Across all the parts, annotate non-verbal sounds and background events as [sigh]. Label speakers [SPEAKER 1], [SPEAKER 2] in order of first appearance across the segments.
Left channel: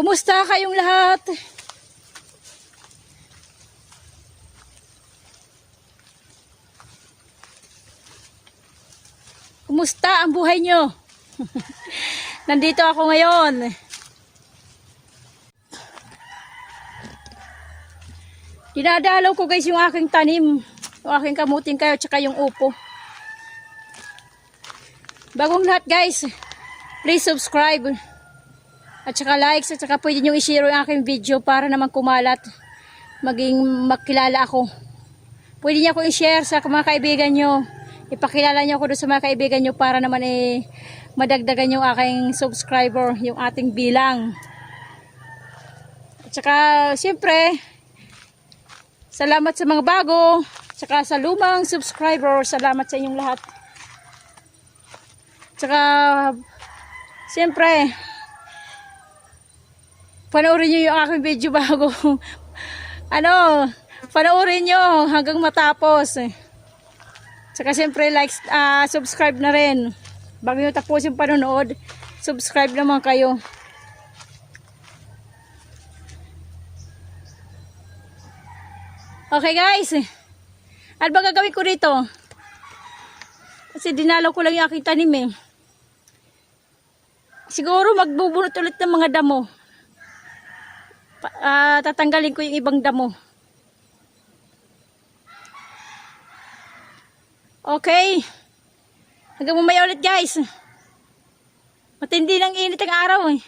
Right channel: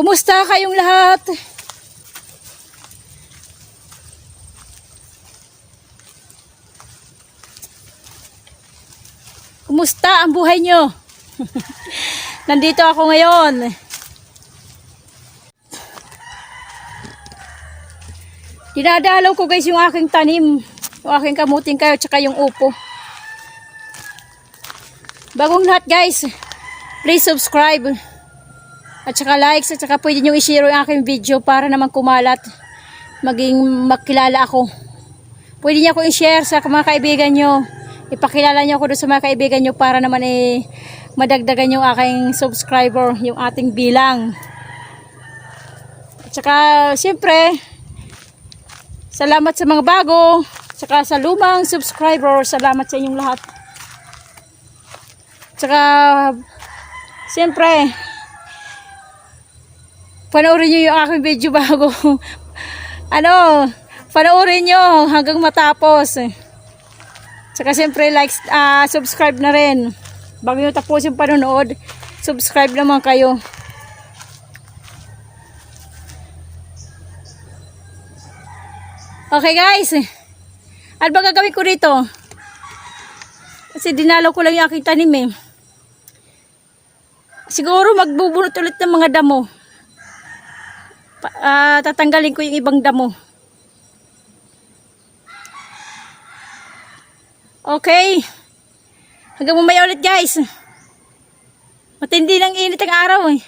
[SPEAKER 1] Kumusta kayong lahat? Kumusta ang buhay nyo? [laughs] Nandito ako ngayon. Dinadalaw ko guys yung aking tanim. Yung aking kamuting kayo tsaka yung upo. Bagong lahat guys. Please subscribe. At saka likes at saka pwede nyo i-share yung aking video para naman kumalat. Maging makilala ako. Pwede niyo ako i-share sa mga kaibigan nyo. Ipakilala niyo ako doon sa mga kaibigan nyo para naman eh madagdagan yung aking subscriber, yung ating bilang. At saka siyempre, salamat sa mga bago, saka sa lumang subscriber, salamat sa inyong lahat. Tsaka, siyempre, panoorin nyo yung aking video [laughs] bago. ano, panoorin nyo hanggang matapos. Tsaka siyempre, like, ah, subscribe na rin. Bago nyo tapos yung panonood, subscribe naman kayo. Okay guys, ano ba gagawin ko dito? Kasi dinalaw ko lang yung aking tanim eh. Siguro magbubunot ulit ng mga damo. Ah, tatanggalin ko yung ibang damo. Okay. Hanggang mamaya ulit guys. Matindi ng init ang araw eh.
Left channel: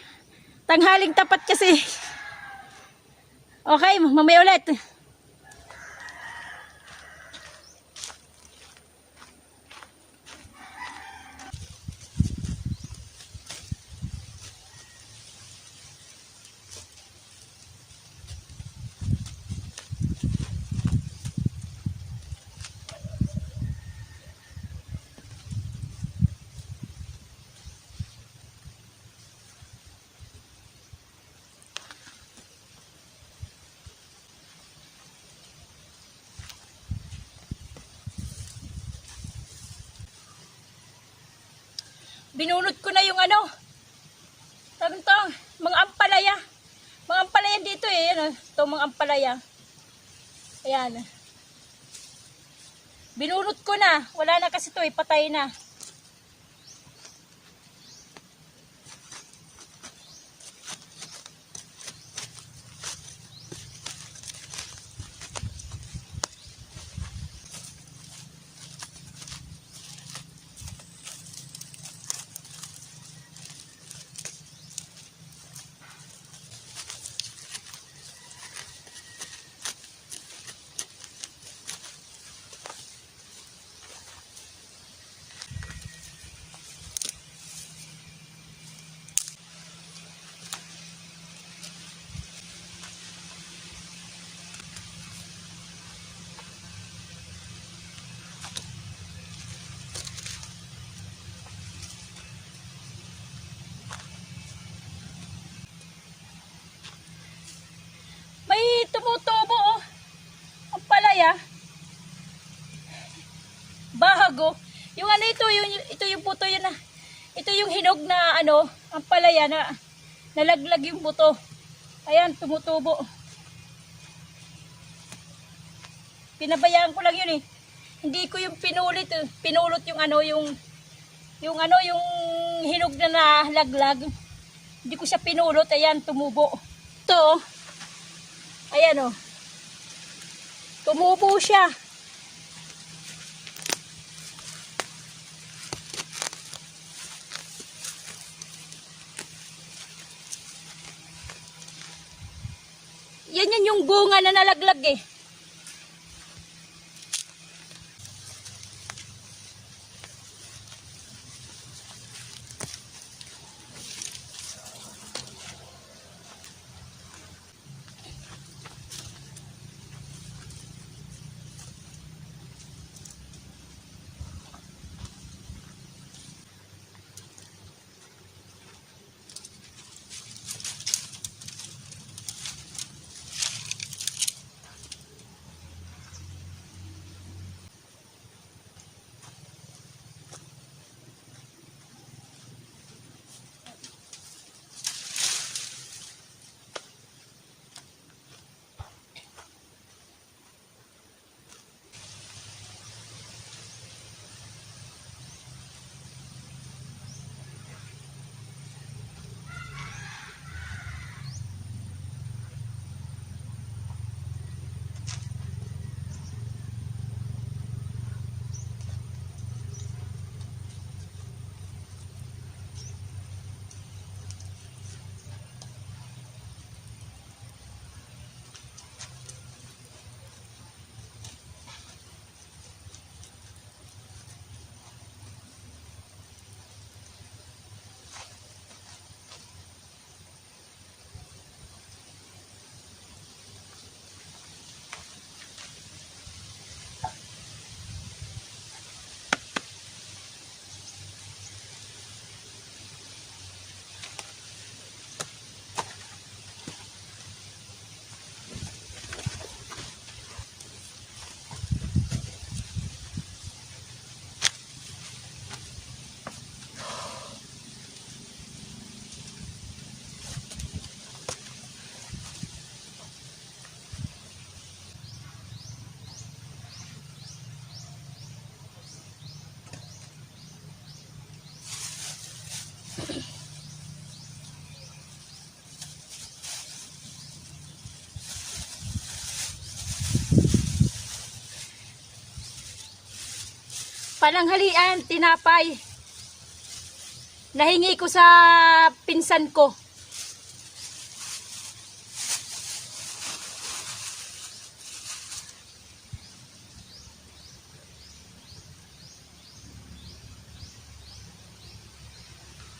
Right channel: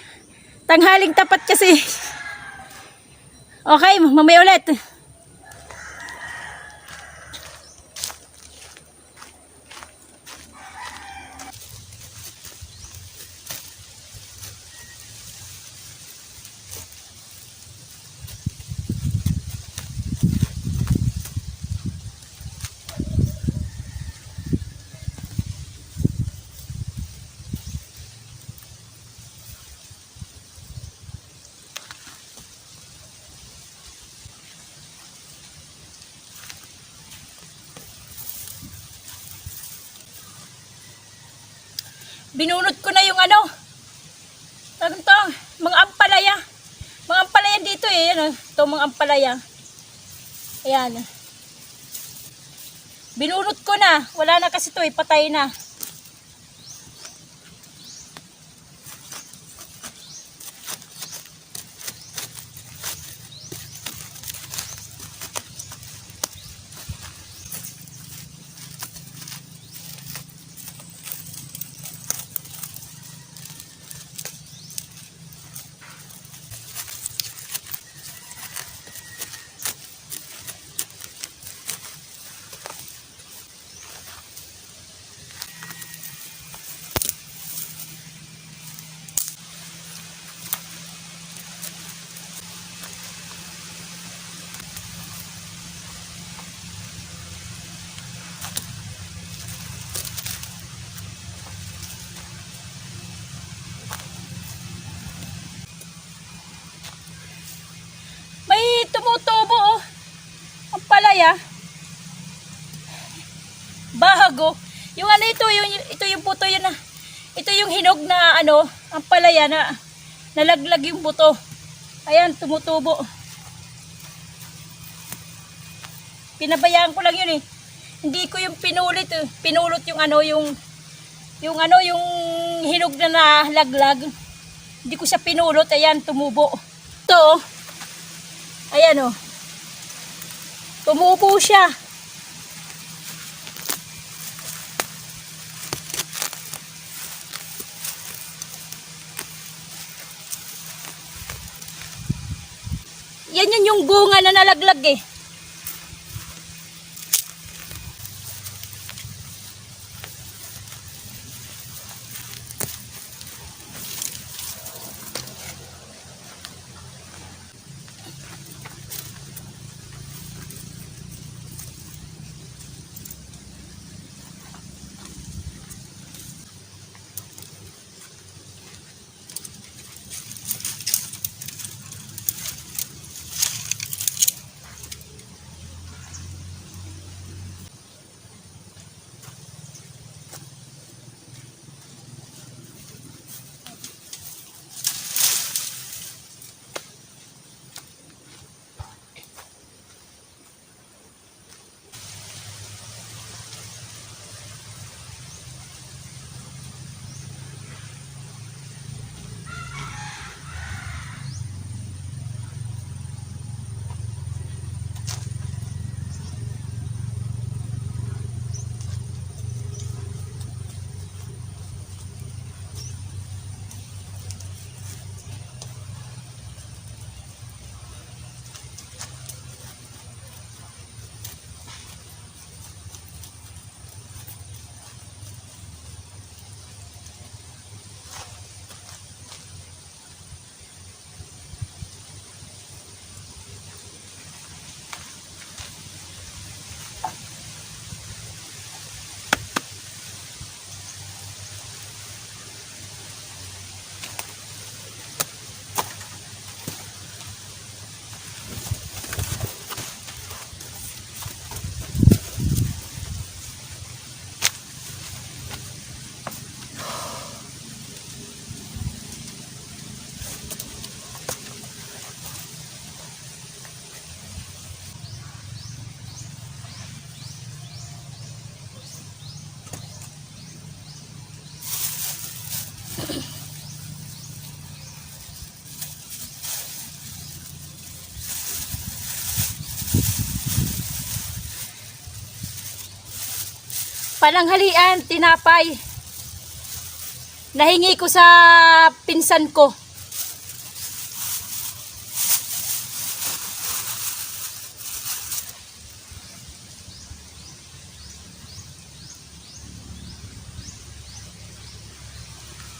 [SPEAKER 1] Tanghaling tapat kasi. [laughs] Okay, mamaya ulit. Binunot ko na yung ano. To, mga ampalaya. Mga ampalaya dito eh. Yan, oh. ito mga ampalaya. Ayan. Binunot ko na. Wala na kasi to eh. Patay na. May tumutubo oh. Ang palaya. Bago. Yung ano ito, yung, ito yung puto yun na. Ito yung hinog na ano, ang palaya na nalaglag yung buto. Ayan, tumutubo. Pinabayaan ko lang yun eh. Hindi ko yung pinulit eh. Pinulot yung ano, yung yung ano, yung hinog na nalaglag. Hindi ko siya pinulot. Ayan, tumubo. Ito oh. Ayan o. Tumubo siya. Yan yun yung bunga na nalaglag eh. Pananghalian, tinapay. Nahingi ko sa pinsan ko.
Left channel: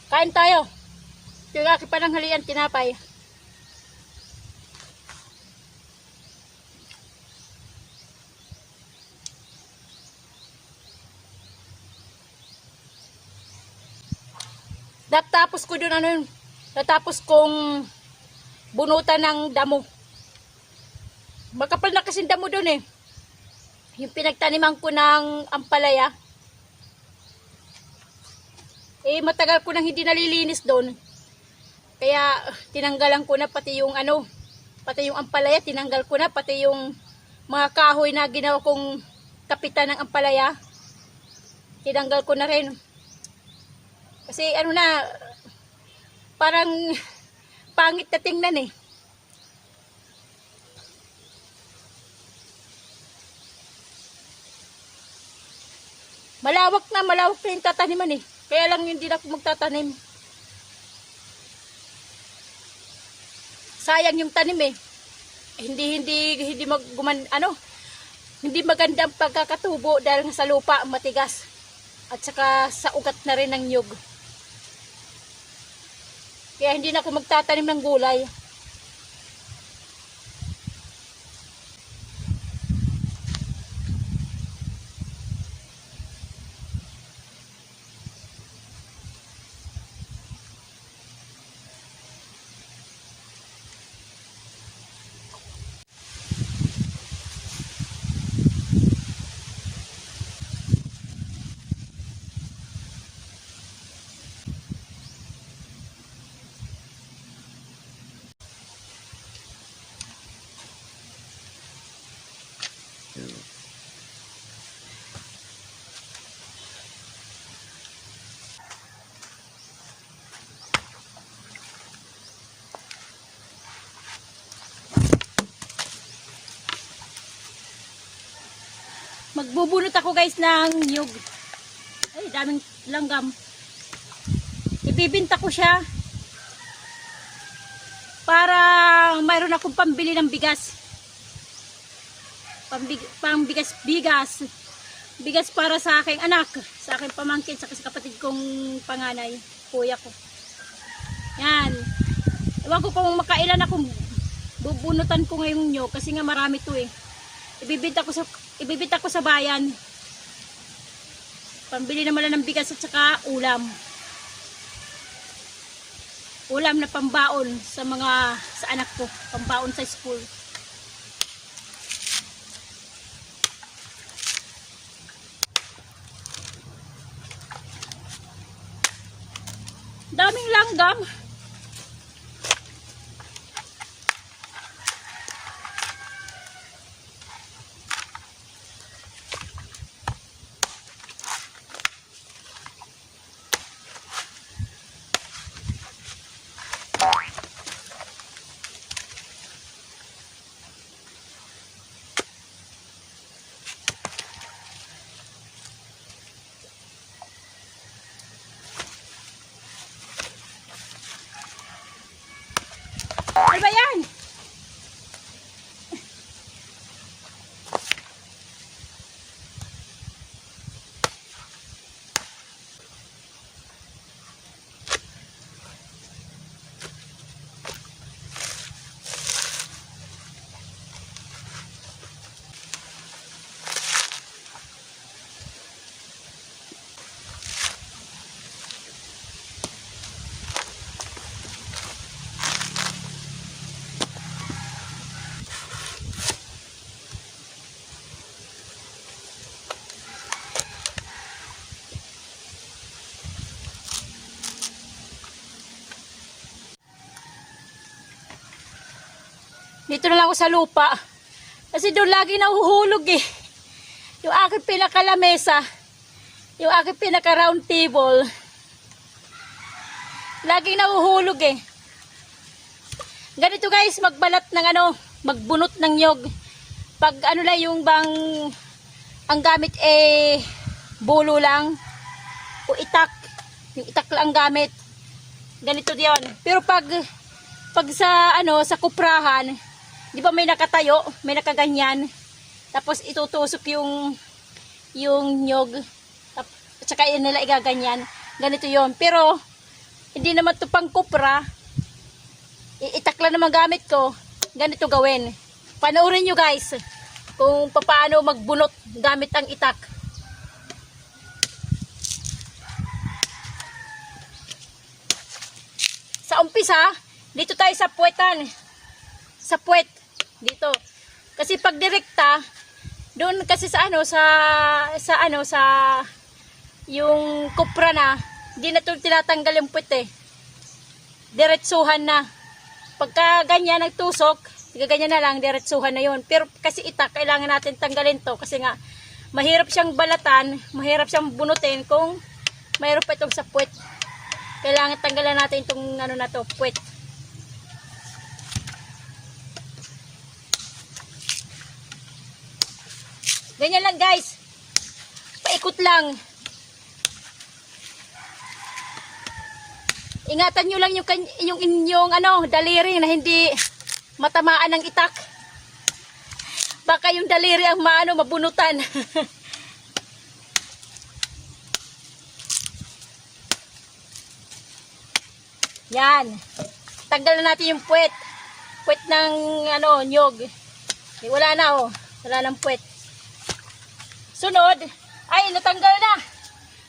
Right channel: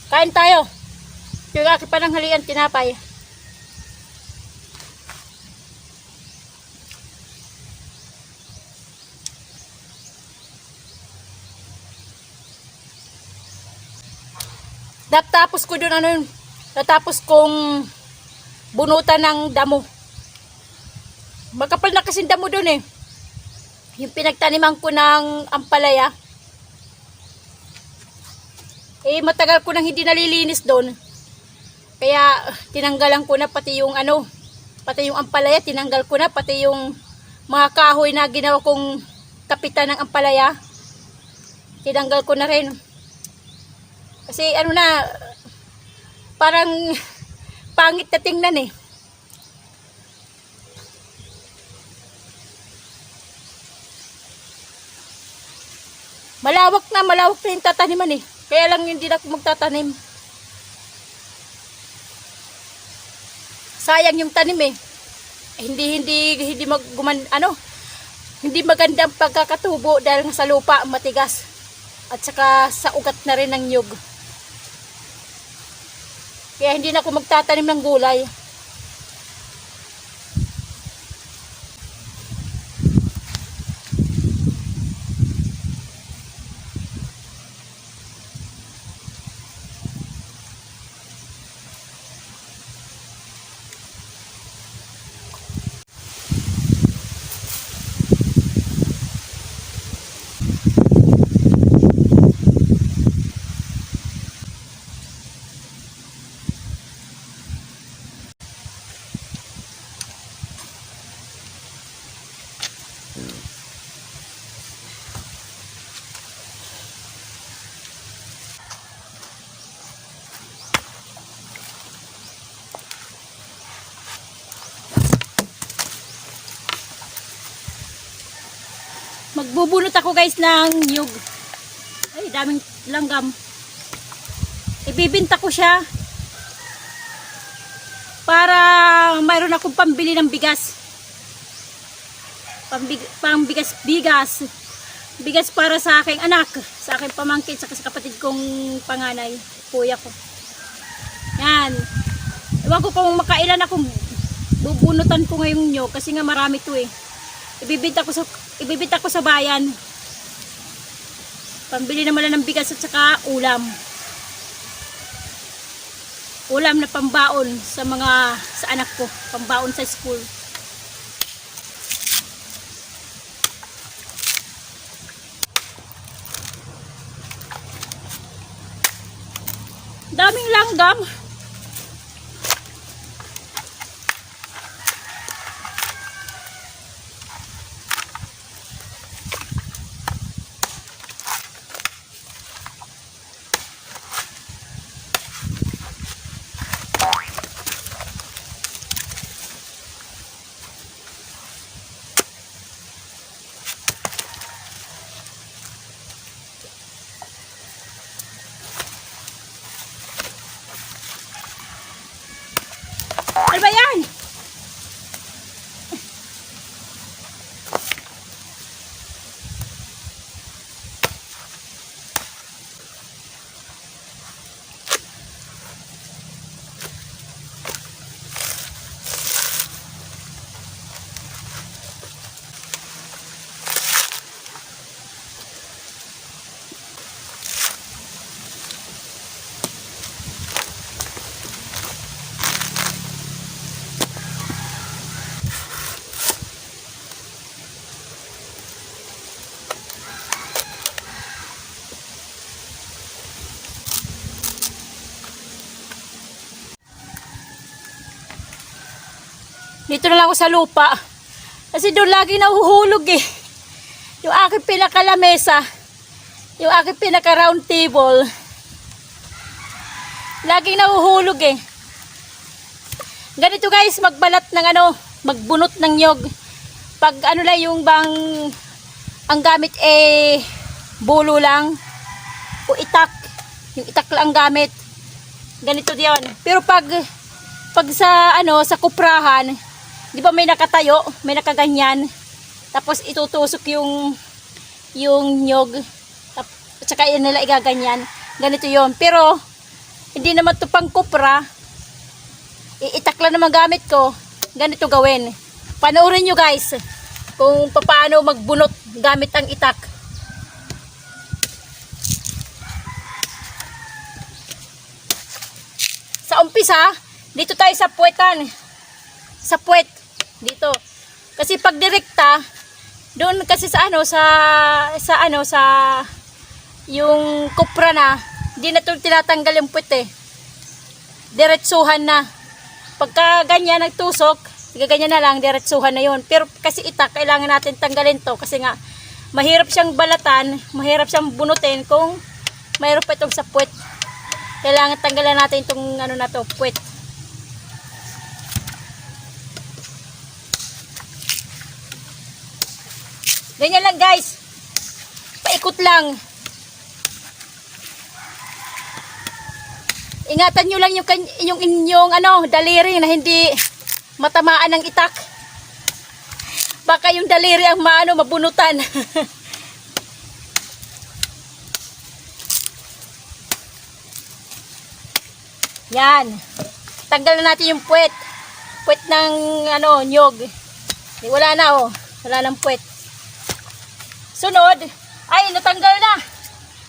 [SPEAKER 1] Kain tayo. Yung aking pananghalian, tinapay. Natapos ko doon ano yun. Natapos kong bunutan ng damo. Makapal na kasing damo doon eh. Yung pinagtaniman ko ng ampalaya. Eh matagal ko nang hindi nalilinis doon. Kaya tinanggalan ko na pati yung ano, pati yung ampalaya tinanggal ko na pati yung mga kahoy na ginawa kong kapitan ng ampalaya. Tinanggal ko na rin. Kasi ano na, parang [laughs] pangit na tingnan eh. Malawak na, malawak na yung tataniman eh. Kaya lang hindi na ako magtatanim. Sayang yung tanim eh. Hindi, hindi, hindi mag, guman, ano, hindi magandang pagkakatubo dahil sa lupa matigas. At saka sa ugat na rin ng nyug. Kaya hindi na ako magtatanim ng gulay. Magbubunot ako guys ng nyug. Ay, daming langgam. Ibibinta ko siya para mayroon akong pambili ng bigas. Pambig, pambigas bigas. Bigas para sa aking anak, sa aking pamangkin, sa kapatid kong panganay, kuya ko. Yan. Ewan ko kung makailan akong bubunutan ko ngayong nyo kasi nga marami to eh. Ibibenta ko sa ibibenta ko sa bayan. Pambili naman ng bigas at saka ulam. Ulam na pambaon sa mga sa anak ko, pambaon sa school. Daming langgam. Ano ba yan? Dito na lang ako sa lupa. Kasi doon lagi nahuhulog eh. Yung aking pinakalamesa, yung aking pinaka round table, laging nahuhulog eh. Ganito guys, magbalat ng ano, magbunot ng nyog Pag ano lang yung bang ang gamit eh bulo lang o itak, yung itak lang ang gamit. Ganito diyon. Pero pag pag sa ano sa kuprahan, 'di ba may nakatayo, may nakaganyan. Tapos itutusok yung yung nyog. At saka yun nila igaganyan. Ganito yon Pero hindi naman to pang kupra. Iitak lang naman gamit ko. Ganito gawin. Panoorin nyo guys kung paano magbunot gamit ang itak. Sa umpisa, dito tayo sa puwetan. Sa puwet. Dito. Kasi pag direkta, doon kasi sa ano, sa, sa ano, sa yung kupra na, di na tinatanggal yung eh. Diretsuhan na. Pagka ganyan nagtusok, ganyan na lang, diretsuhan na yun. Pero kasi itak, kailangan natin tanggalin to kasi nga, mahirap siyang balatan, mahirap siyang bunutin kung mayroon pa itong sa puwet. Kailangan tanggalan natin itong ano na to, puwet. Ganyan lang guys. Paikot lang. Ingatan nyo lang yung, yung inyong ano, daliri na hindi matamaan ng itak. Baka yung daliri ang maano, mabunutan. [laughs] Yan. Tanggal na natin yung puwet. Puwet ng ano, nyog. Wala na oh. Wala nang puwet. Sunod, ay natanggal na.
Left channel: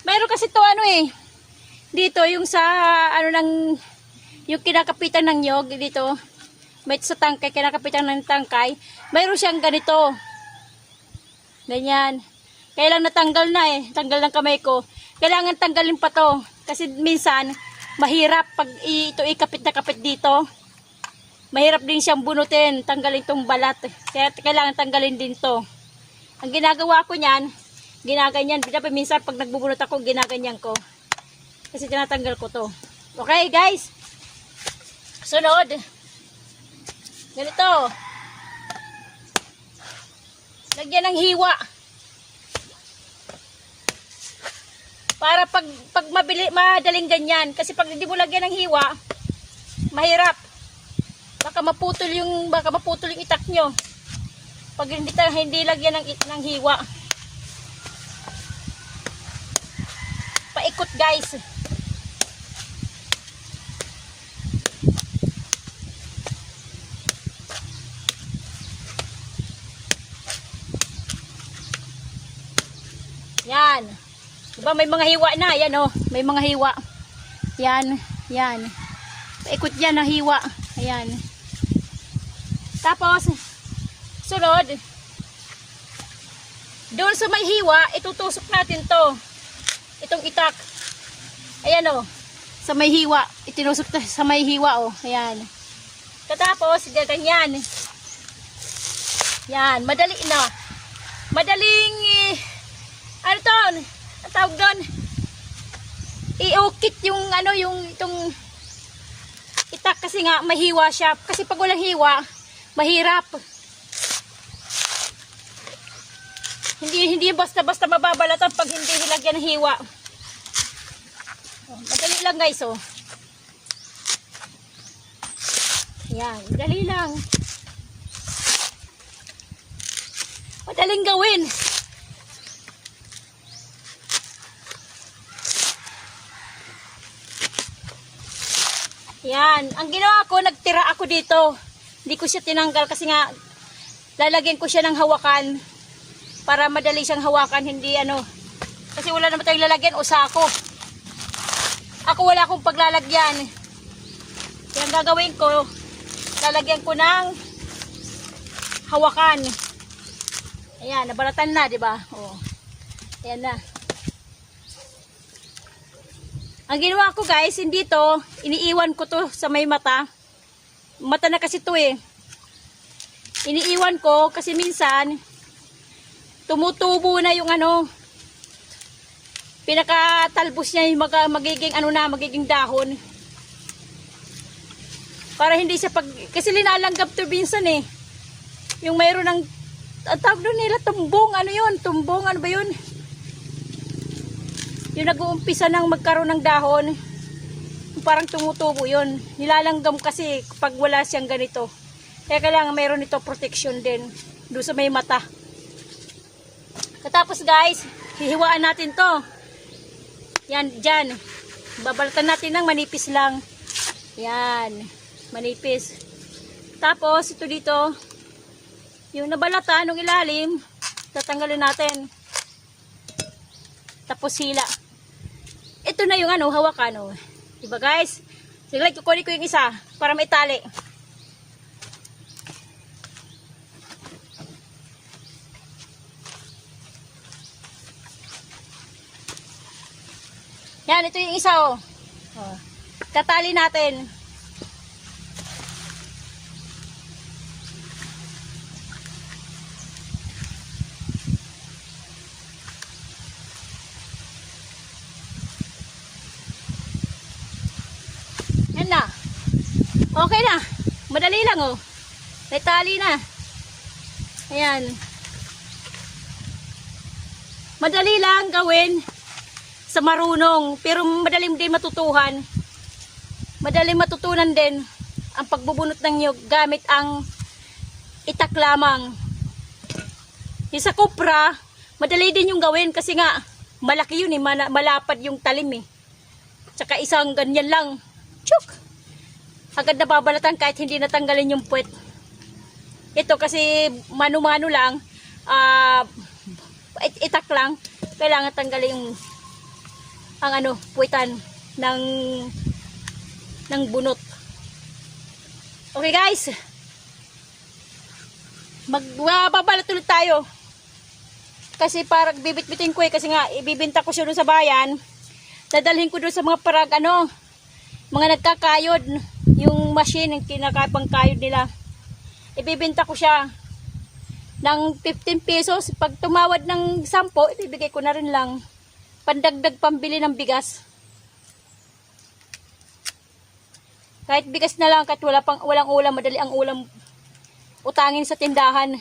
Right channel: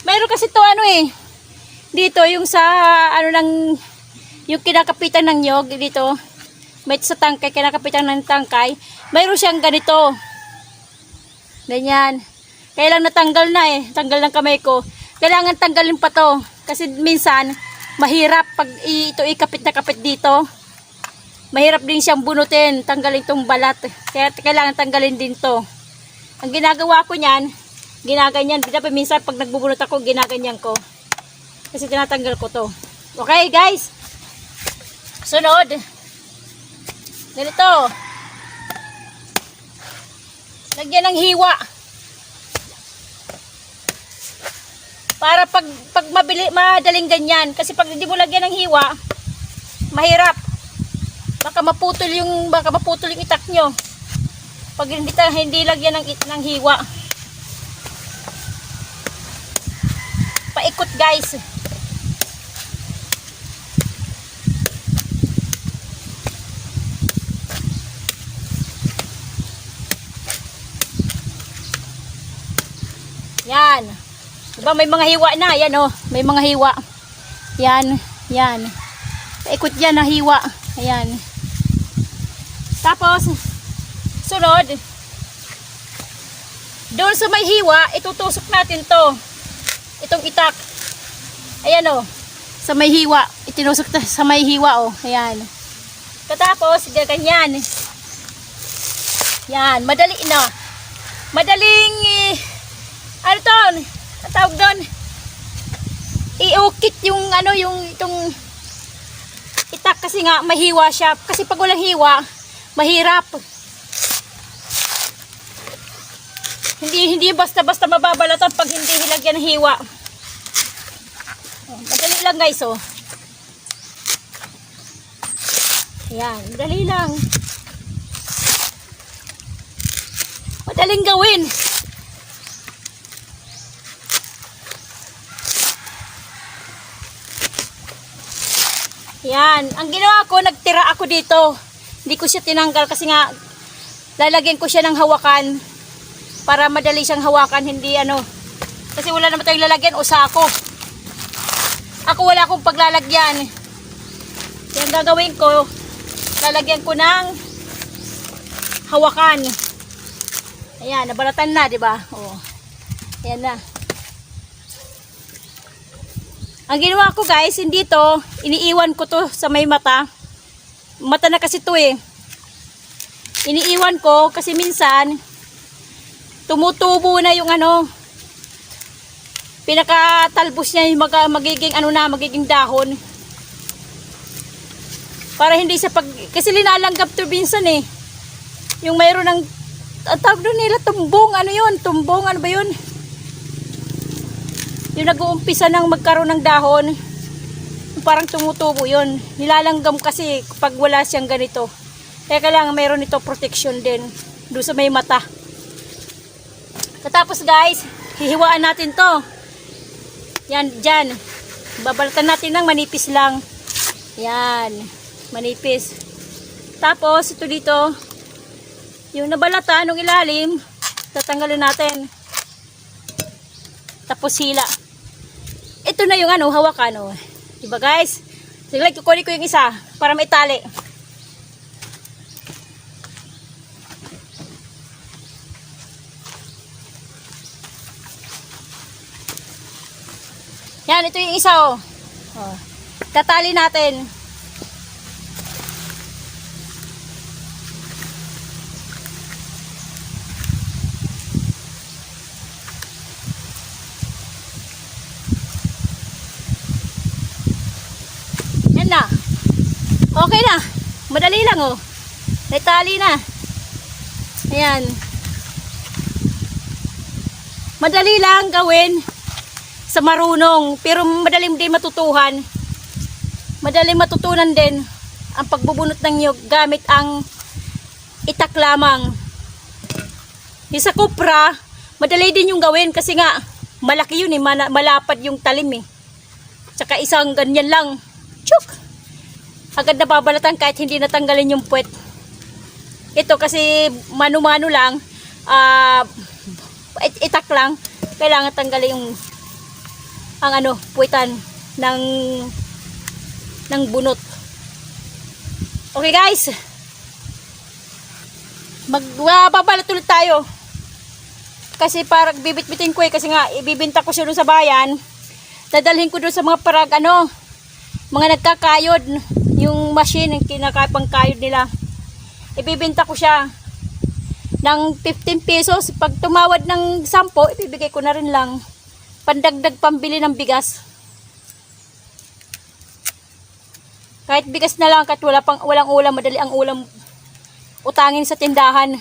[SPEAKER 1] Mayroon kasi to ano eh. Dito yung sa ano ng yung kinakapitan ng nyog dito. May sa tangkay kinakapitan ng tangkay. Mayroon siyang ganito. Ganyan. Kailang natanggal na eh. Tanggal ng kamay ko. Kailangan tanggalin pa to. Kasi minsan, mahirap pag ito ikapit na kapit dito. Mahirap din siyang bunutin. Tanggalin tong balat. Kaya kailangan tanggalin din to. Ang ginagawa ko niyan, ginaganyan. Dapat minsan pag nagbubunot ako, ginaganyan ko. Kasi tinatanggal ko to. Okay guys? Sunod. Ganito. Lagyan ng hiwa. Para pag, pag mabili, madaling ganyan. Kasi pag hindi mo lagyan ng hiwa, mahirap. Baka maputol yung, baka maputol yung itak nyo. Pag hindi, hindi lagyan ng, ng hiwa. Paikot guys. Yan. Diba may mga hiwa na. Yan oh. May mga hiwa. Yan. Yan. Paikot yan na hiwa. Ayan. Tapos, sunod, doon sa may hiwa, itutusok natin to. Itong itak. Ayan o. Sa may hiwa. Itinusok to sa may hiwa o. Ayan. Katapos, ganyan. Yan. Madali na. Madaling, eh, ano to? Ang tawag doon? Iukit yung ano, yung itong itak kasi nga mahiwa siya. Kasi pag walang hiwa, mahirap. Hindi hindi basta-basta mababalatan pag hindi nilagyan ng hiwa. Oh, Madali lang guys oh. Yan, madali lang. Madaling gawin. Yan, ang ginawa ko, nagtira ako dito. Hindi ko siya tinanggal kasi nga lalagyan ko siya ng hawakan para madali siyang hawakan, hindi ano. Kasi wala naman tayong lalagyan o sako. Ako wala akong paglalagyan. Yan gagawin ko, lalagyan ko ng hawakan. Ayan, nabalatan na, di ba? Oo. Ayan na. Ang ginawa ko guys, hindi to, iniiwan ko to sa may mata. Mata na kasi to eh. Iniiwan ko kasi minsan, tumutubo na yung ano, pinakatalbos niya yung mag, magiging ano na, magiging dahon. Para hindi sa pag, kasi linalanggap to minsan eh. Yung mayroon ng ang tawag doon nila, tumbong, ano yun, tumbong, ano ba yun? Yung nag-uumpisa ng magkaroon ng dahon, parang tumutubo yun. Nilalanggam kasi pag wala siyang ganito. Kaya kailangan mayroon ito protection din, doon sa may mata. Tapos guys, hihiwaan natin to. Yan, dyan. Babalatan natin ng manipis lang. Yan, manipis. Tapos, ito dito, yung nabalatan ng ilalim, tatanggalin natin. Tapos hila. Ito na yung ano, hawakan. Oh. Diba guys? Sige, kukunin ko yung isa para may tali. Yan, ito yung isa oh. oh. Tatali natin. Yan na. Okay na. Madali lang oh. May tali na. Ayan. Madali lang gawin sa marunong. Pero madaling din matutuhan. Madaling matutunan din ang pagbubunot ng nyug gamit ang itak lamang. Yung sa kupra, madali din yung gawin kasi nga malaki yun eh, malapad yung talim eh. Tsaka isang ganyan lang. Chuk! Agad na babalatan kahit hindi natanggalin yung puwet. Ito kasi mano-mano lang, it- itak lang, kailangan tanggalin yung ang ano, puwitan ng ng bunot. Okay guys. Magbabalat ulit tayo. Kasi parang bibit-bitin ko eh kasi nga ibibenta ko siya doon sa bayan. Dadalhin ko doon sa mga parag ano, mga nagkakayod, yung machine yung kinakapang kayod nila. Ibibenta ko siya ng 15 pesos. Pag tumawad ng 10, ibibigay ko na rin lang pandagdag pambili ng bigas. Kahit bigas na lang, kahit wala pang, walang ulam, madali ang ulam utangin sa tindahan.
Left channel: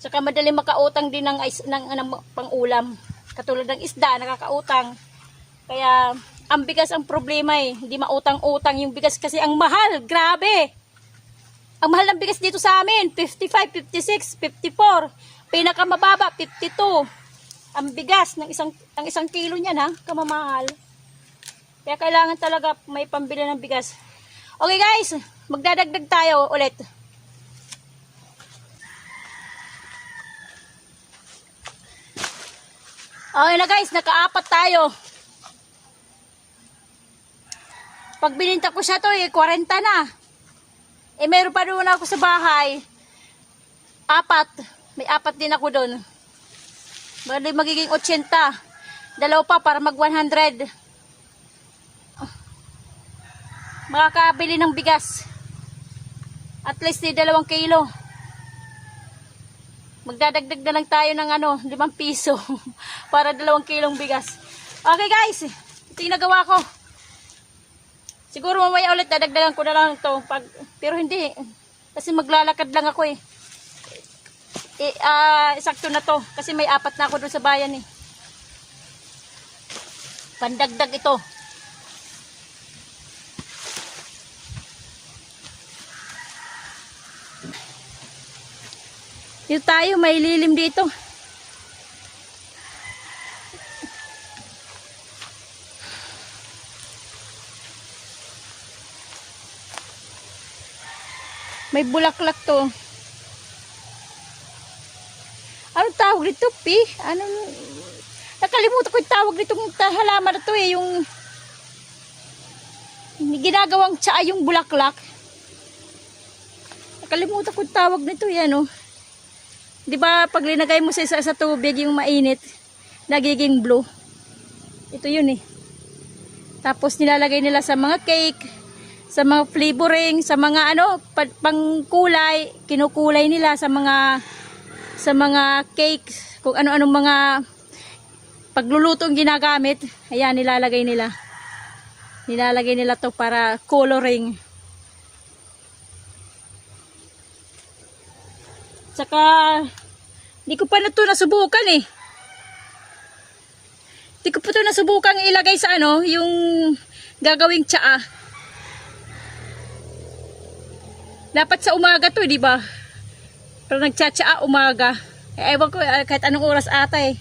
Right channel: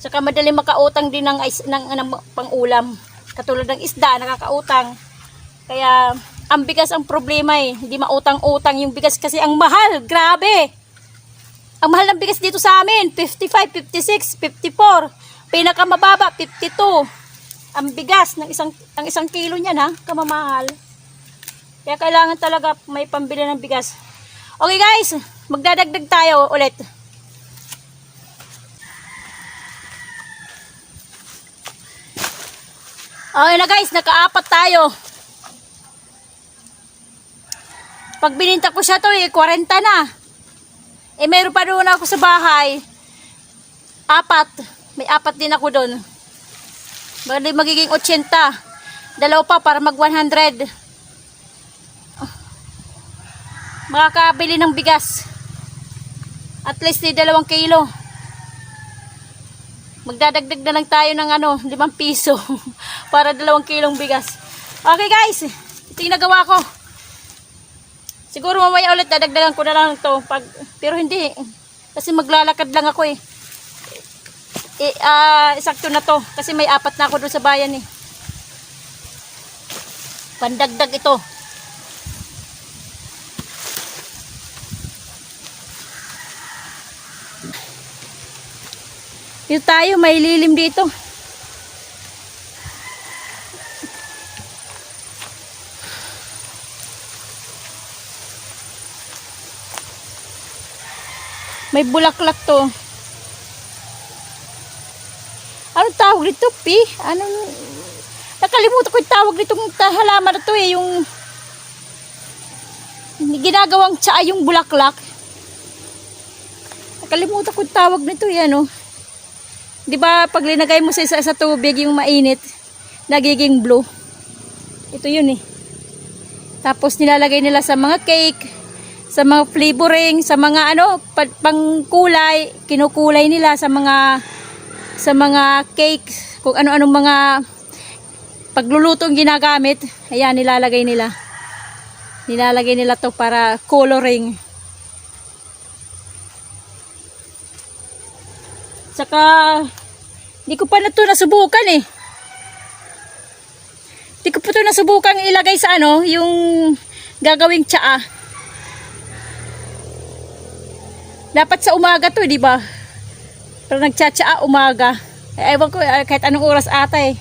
[SPEAKER 1] Saka madali makautang din ng, is- ng, ng, pang-ulam. Katulad ng isda, nakakautang. Kaya, ang bigas ang problema eh. Hindi mautang-utang yung bigas kasi ang mahal. Grabe! Ang mahal ng bigas dito sa amin, 55, 56, 54. Pinakamababa, 52. Ang bigas ng isang ang isang kilo niyan ha, kamamahal. Kaya kailangan talaga may pambili ng bigas. Okay guys, magdadagdag tayo ulit. Okay na guys, nakaapat tayo. Pag bininta ko siya to eh, 40 na. Eh meron pa doon ako sa bahay. Apat. May apat din ako doon. Bali magiging 80. Dalaw pa para mag 100. Makakabili ng bigas. At least di dalawang kilo. Magdadagdag na lang tayo ng ano, 5 piso. [laughs] para dalawang kilong bigas. Okay guys, ito yung nagawa ko. Siguro mamaya ulit dadagdagan ko na lang to pag pero hindi kasi maglalakad lang ako eh. Eh ah, sakto na to kasi may apat na ako doon sa bayan eh. Pandagdag ito. Yung tayo may lilim dito. May bulaklak to. Ano tawag dito, Pi? Ano yung... Nakalimutan ko yung tawag nitong halaman na to eh, yung... Ginagawang tsaa yung bulaklak. Nakalimutan ko yung tawag nito eh, ano. Di ba pag linagay mo sa isa sa tubig yung mainit, nagiging blue. Ito yun eh. Tapos nilalagay nila sa mga cake, sa mga flavoring, sa mga ano, pa- pangkulay, kinukulay nila sa mga sa mga cakes, kung ano-anong mga paglulutong ginagamit, ayan nilalagay nila. Nilalagay nila to para coloring. Saka, hindi ko pa na ito nasubukan eh. Hindi ko pa ito nasubukan ilagay sa ano, yung gagawing tsaa. Dapat sa umaga to, di ba? Pero nagtsatsaa umaga. Eh, ewan ko, eh, kahit anong oras ata eh.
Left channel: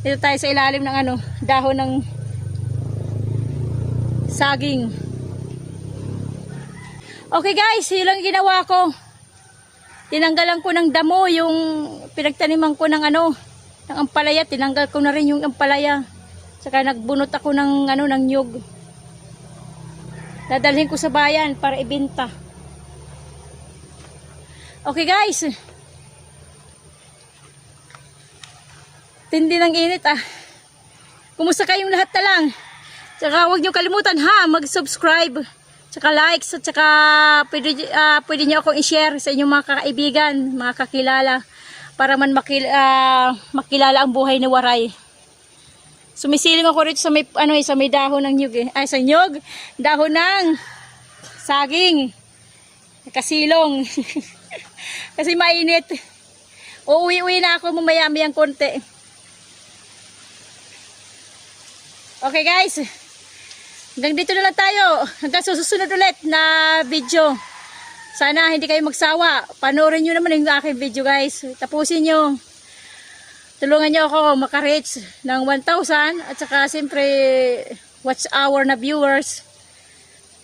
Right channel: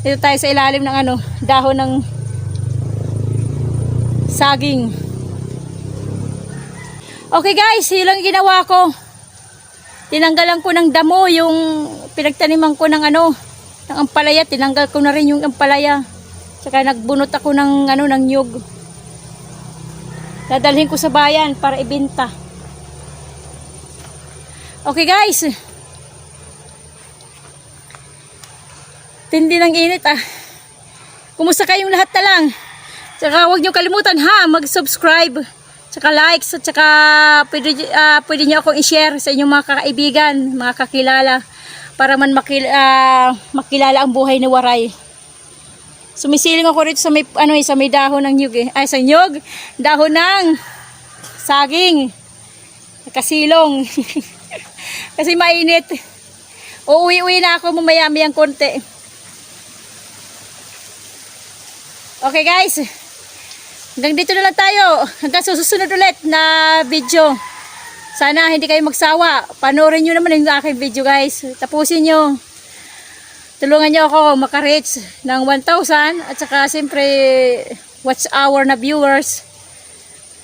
[SPEAKER 1] Dito tayo sa ilalim ng ano, dahon ng saging. Okay guys, yun lang ginawa ko. Tinanggalan ko ng damo yung pinagtaniman ko ng ano, ng ampalaya. Tinanggal ko na rin yung ampalaya. Saka nagbunot ako ng ano, ng nyug. Dadalhin ko sa bayan para ibenta. Okay guys. Tindi ng init ah. Kumusta kayong lahat na lang? Tsaka huwag niyo kalimutan ha, mag-subscribe. Tsaka likes at tsaka pwede, ah, pwede niyo akong i-share sa inyong mga kaibigan, mga kakilala para man makil, ah, makilala ang buhay ni Waray. Sumisiling ako rito sa may ano eh, sa may dahon ng nyug eh. Ay sa nyug, dahon ng saging. Kasilong. [laughs] Kasi mainit. Uuwi-uwi na ako mamaya-mayang konti. Okay guys. Hanggang dito na lang tayo. Hanggang susunod ulit na video. Sana hindi kayo magsawa. Panoorin nyo naman yung aking video guys. Tapusin nyo. Tulungan nyo ako makareach ng 1,000 at saka siyempre watch hour na viewers.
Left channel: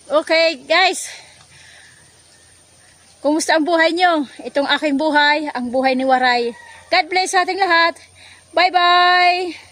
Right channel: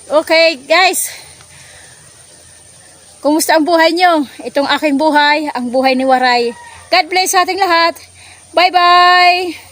[SPEAKER 1] Okay guys. Kumusta ang buhay nyo? Itong aking buhay, ang buhay ni Waray. God bless sa ating lahat. Bye bye!